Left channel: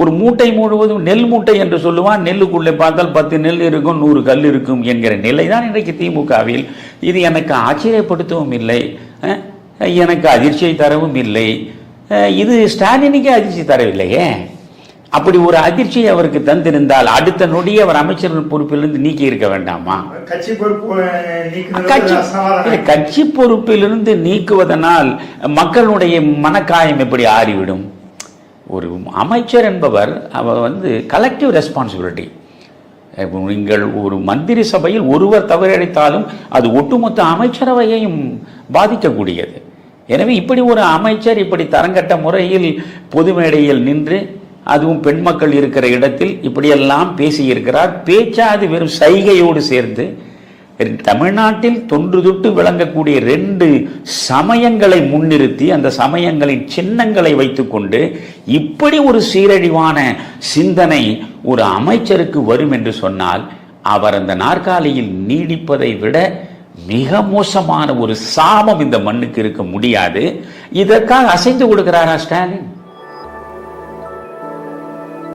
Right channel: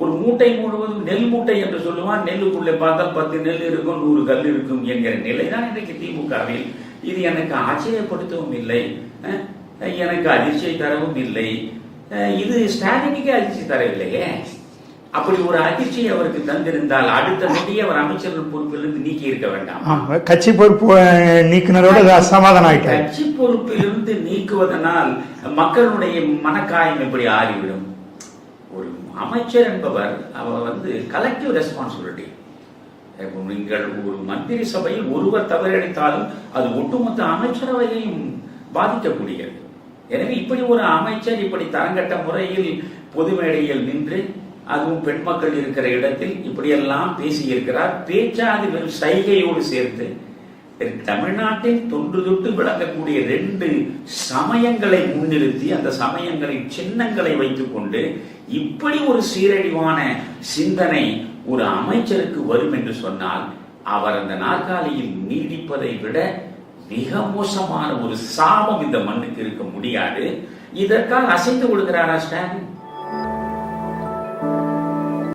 ஒரு மூட்டை முழுவதும் நெல் மூட்டை என்று சொல்லுவான். நெல்லுக்குள்ளே பார்த்தால் பத்து நெல் இருக்கும் நூறு கல் இருக்கும் என்கிற நிலைதான் இன்றைக்கு திமுகவில். இது எனக்கு ஆச்சரியப்படுத்தவும் இல்லை. எனக்கு அதிர்ச்சியை தரவும் இல்லை. இது ஸ்டாலினுக்கே அதிர்ச்சி தரவில்லையே. அப்படி ஒரு அதிர்ச்சியை அவருக்கு தந்திருந்தால் அடுத்த நொடியே அவர் அமைச்சர் பொறுப்பிலிருந்து நீக்கி இருக்க வேண்டாமா? கட்சி பொறுப்பு கட்சி பொறுப்பிலிருந்து நீக்குவதனால் மக்களுடைய மனக்காயம் எப்படி ஆறிவிடும்? ஒரு அமைச்சர் என்பவர் அவர் வந்து கலெக்டிவ் ரெஸ்பான்சிபிலிட்டி நீங்கள் ஒரு மந்திரி சபையில் ஒருவர் தவறிழைத்தாலும் அது ஒட்டுமொத்த அமைச்சரவையையும் பாதிக்கக்கூடியது. எனவே இப்படி ஒரு அமைச்சர் இப்படி தரங்கட்ட முறையில் பொது மேடையில் நின்று அதுவும் பெண் மக்கள் இருக்கிற இடத்தில் இப்படியெல்லாம் பேசியிருக்கிறார். பேச்சா அது வெறும் சைகையோடு சேர்ந்து தமிழ்நாட்டில் தொன்று தொட்டு விளங்கக்கூடிய ரெண்டு சமயங்களை முன்னிறுத்தி அந்த சமயங்களின் சின்னங்களை வைத்துக்கொண்டு இப்படி ஒரு சீரழிவான சிந்தனை ஒரு அமைச்சருக்கு வரும் என்று சொன்னால் அவர் அந்த நாற்காலியில் நீடிப்பதை விட மிக மோசமான ஒரு சாபம் இந்த மண்ணுக்கு இருக்க முடியாது. இதற்காக அசைந்து கொடுக்கிறாரா ஸ்டாலின்?